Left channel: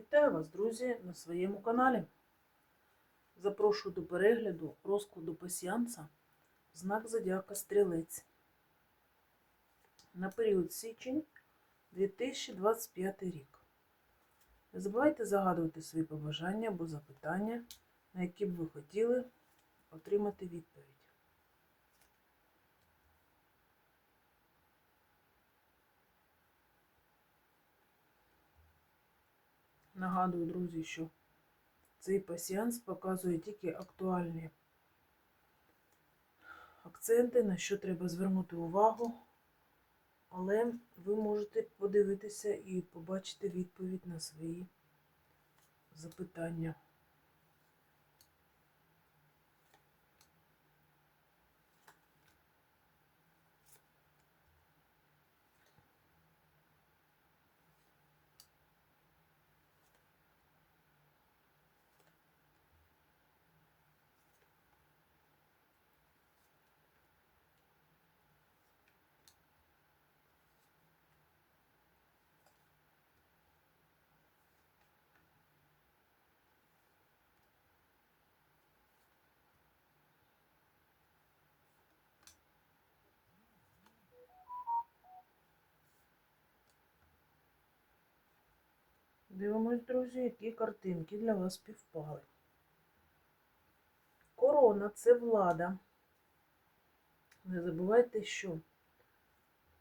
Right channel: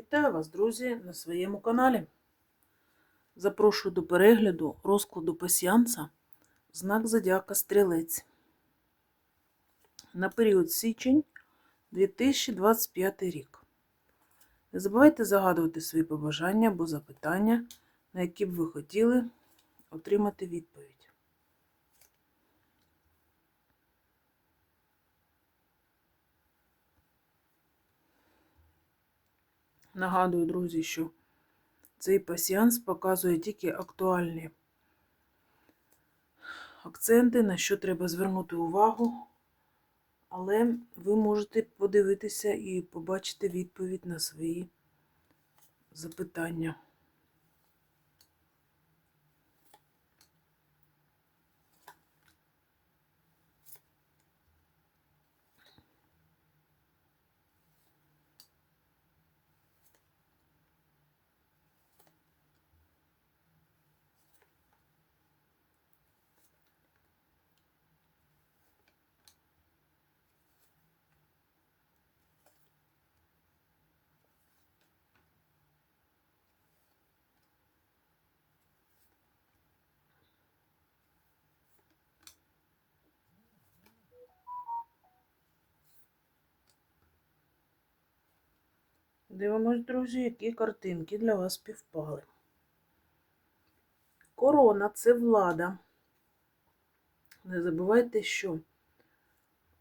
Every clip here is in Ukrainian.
Вітаю вас, друзі, на своєму каналі. Запрошую до перегляду розкладу пасіанса знак Зодіака Стрілець на період січень 2025 рік. Не забувайте загадувати свої побажання або запитання, на які б ви хотіли отримати відповідь. Нагадую, друзі, що цей пасіанс показує тільки актуальні акценти, на що треба звернути увагу, але ви можете подивитися і побачити відповідь на свої запитання. Дивимось, друзі, які картинки для вас співпали. Корона це влада. Не забувайте, що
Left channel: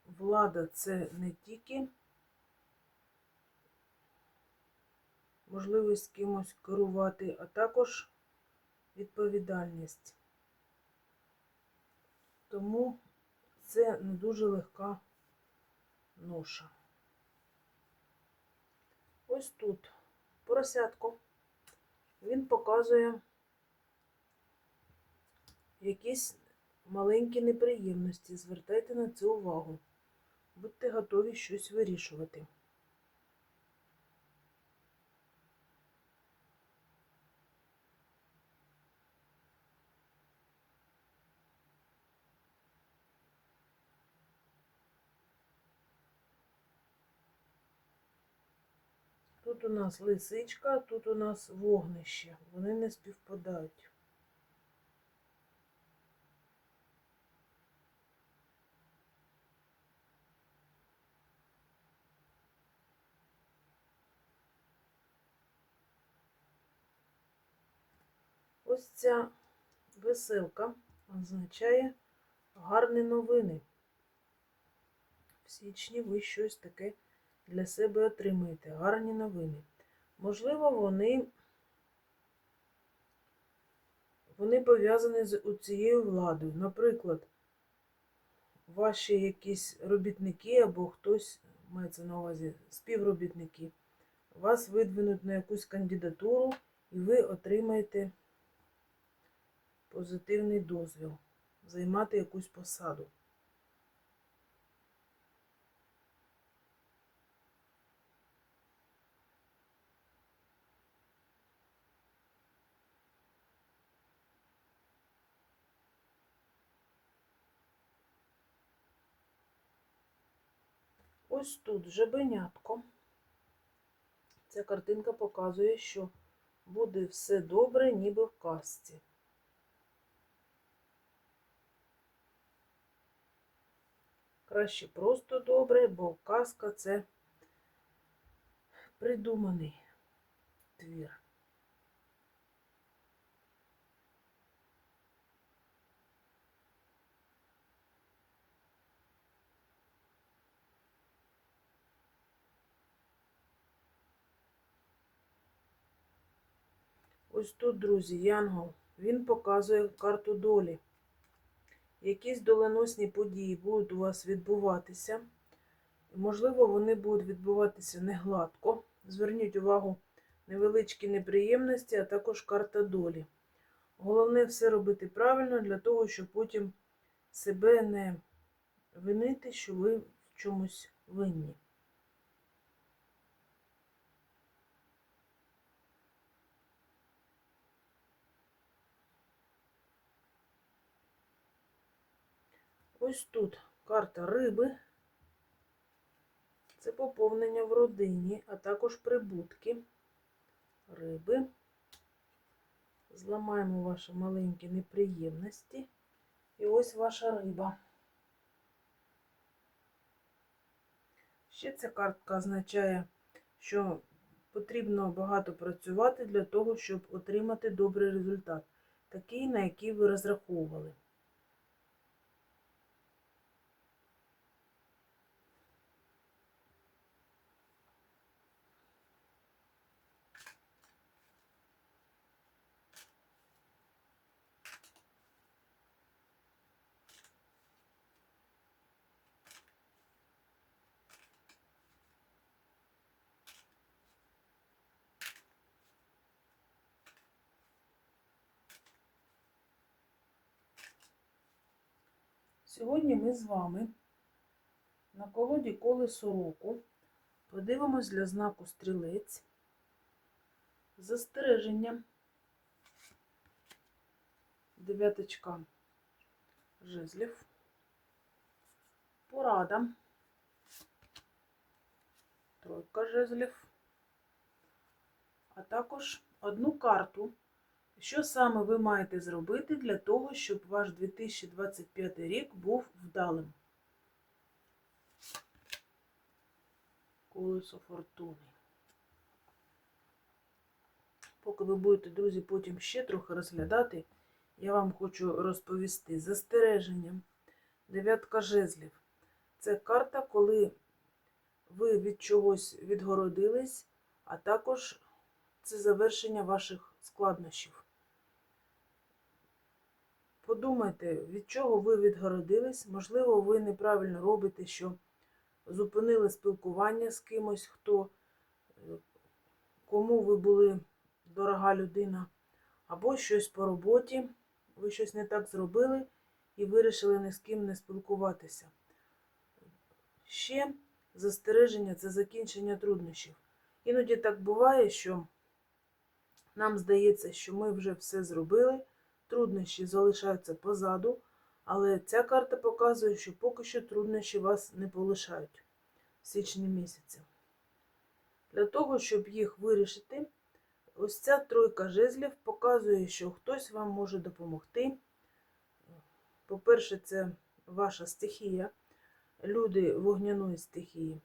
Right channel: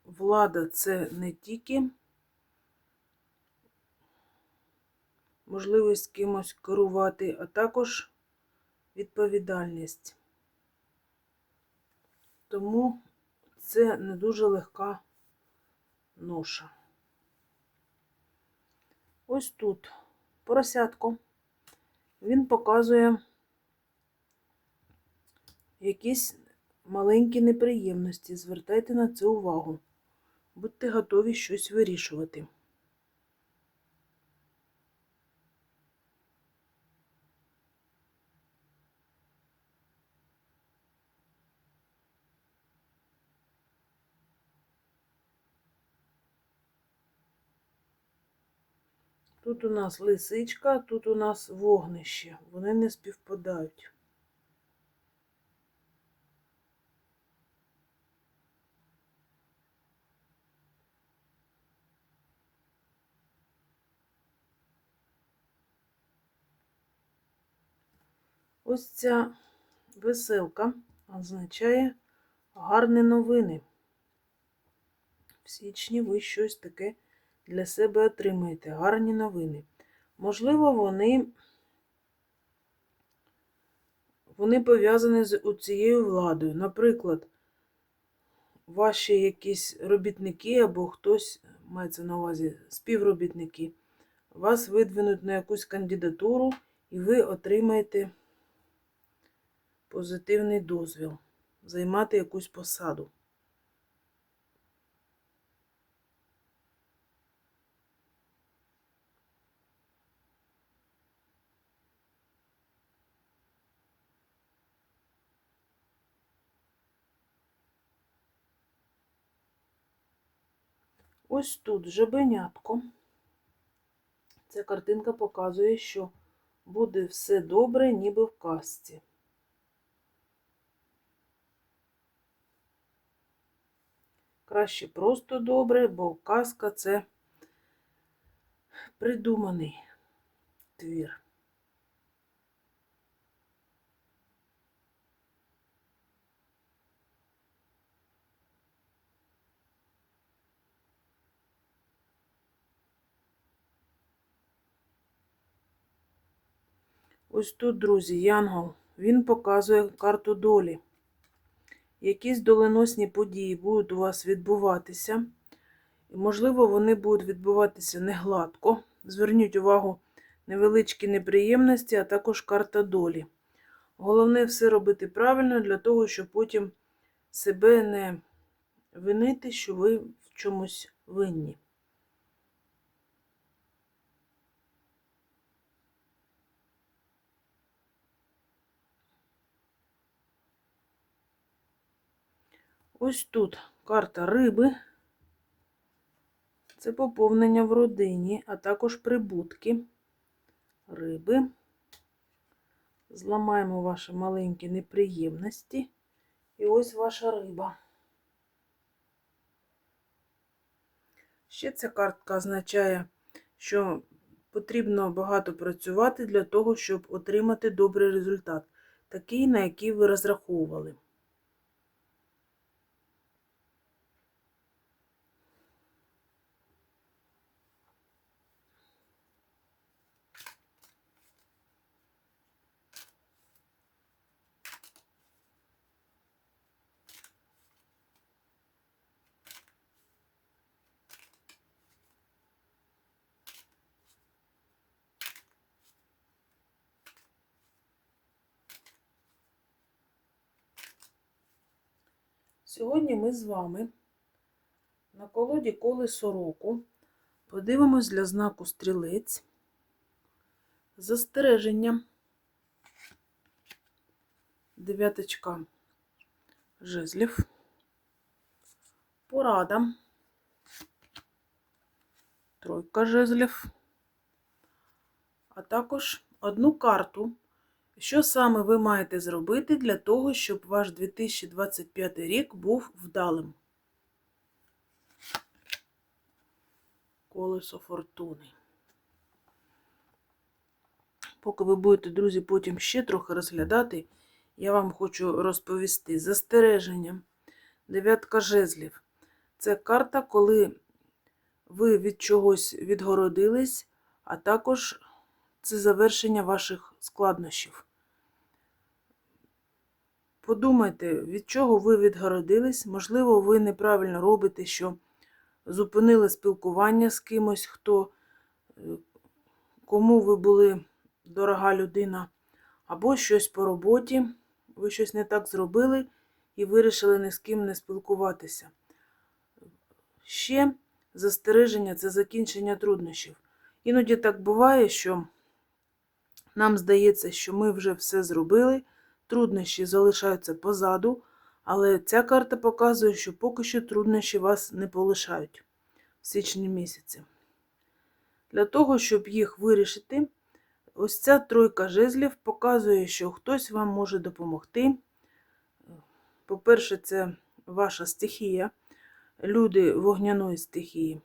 влада це не тільки можливість кимось керувати, а також відповідальність. Тому це не дуже легка ноша. Ось тут поросятко. Він показує якісь маленькі неприємності. Звертайте на це увагу. Будьте готові щось вирішувати. Тут у нас лисичка, тут у нас вогнище. Вони не співпадають. Ось ця веселка означає гарні новини. В січні ви щось таке для себе отримаєте гарні новини. Можливо, вони вони пов'язані з цією владою. Наприклад, ваші якісь робітники або хтось, мається на увазі співробітники, вас видвинуть на якусь кандидатуру, і ви отримаєте позитивний дозвіл займати якусь посаду. Ось тут жабенятко. Ця картинка показує, що буде все добре, ніби в казці. Краще просто добре, бо казка це придуманий твір. Ось тут, друзі, Янгол, він показує карту долі. Якісь доленосні події будуть у вас відбуватися. Можливо, вони будуть відбуватися не гладко. Зверніть увагу, невеличкі неприємності, а також карта долі. Головне все робити правильно для того, щоб потім себе не винити, що ви в чомусь винні. Ось тут карта риби. Це поповнення в родині, а також прибутки. риби. Зламаємо ваші маленькі неприємності. І ось ваша риба. Ще ця картка означає, що потрібно багато працювати для того, щоб отримати добрий результат, такий, на який ви розраховували. Сьогодні ми з вами на колоді колесо року подивимось для знаку стрілець застереження. Дев'яточка жезлів, порада, тройка жезлів, а також одну карту. Що саме ви маєте зробити для того, щоб ваш 2025 рік був вдалим? Колесо фортуни. Поки ви будете, друзі, потім ще трохи розглядати, я вам хочу розповісти застереження. Дев'ятка жезлів. Це карта, коли ви від чогось відгородились, а також це завершення ваших складнощів. Подумайте, від чого ви відгородились. Можливо, ви неправильно робите, що зупинили спілкування з кимось, хто, е, кому ви були дорога людина, або щось по роботі, ви щось не так зробили і вирішили ні з ким не спілкуватися. Ще застереження це закінчення труднощів. Іноді так буває, що нам здається, що ми вже все зробили труднощі залишаються позаду, але ця карта показує, що поки що труднощі вас не полишають в січні місяці. Для того, щоб їх вирішити, ось ця тройка жезлів показує, що хтось вам може допомогти. По-перше, це ваша стихія, люди вогняної стихії.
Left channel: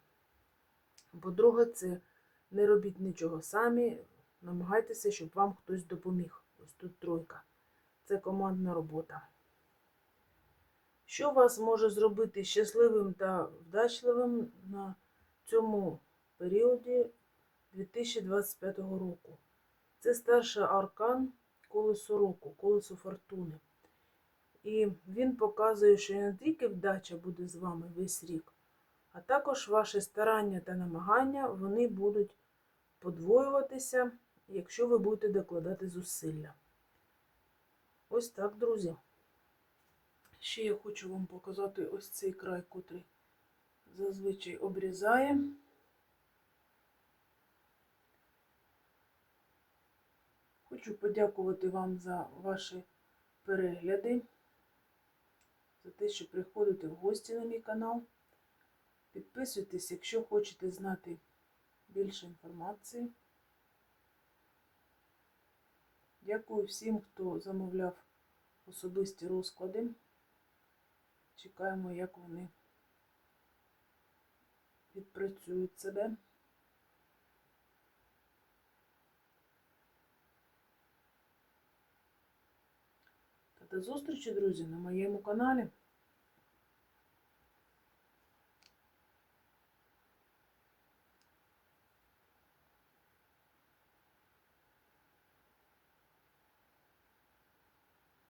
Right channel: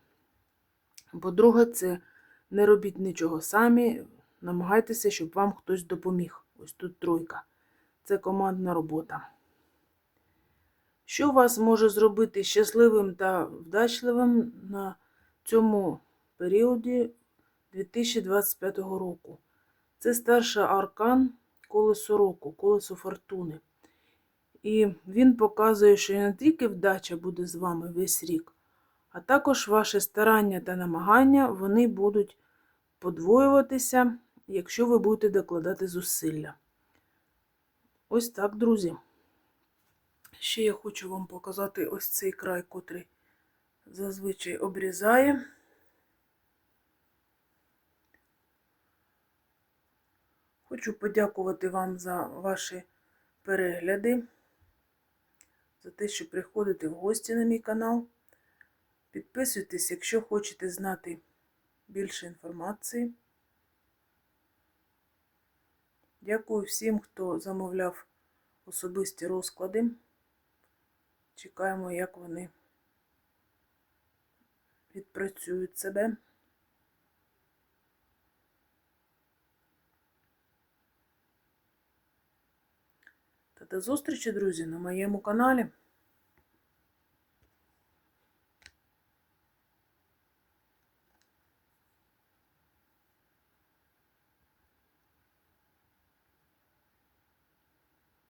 По-друге, це не робіть нічого самі, намагайтеся, щоб вам хтось допоміг. Ось тут тройка це командна робота. Що вас може зробити щасливим та вдачливим на цьому періоді 2025 року? Це старший аркан колесо року, колесо фортуни. І він показує, що не тільки вдача буде з вами весь рік, а також ваші старання та намагання вони будуть подвоюватися, якщо ви будете докладати зусилля. Ось так, друзі. Ще я хочу вам показати ось цей край, котрий зазвичай обрізає. Хочу подякувати вам за ваші перегляди, за те, що приходите в гості на мій канал. Підписуйтесь, якщо хочете знати більше інформації. Дякую всім, хто замовляв особисті розклади. Чекаємо, як вони відпрацюють себе. Та до зустрічі, друзі, на моєму каналі.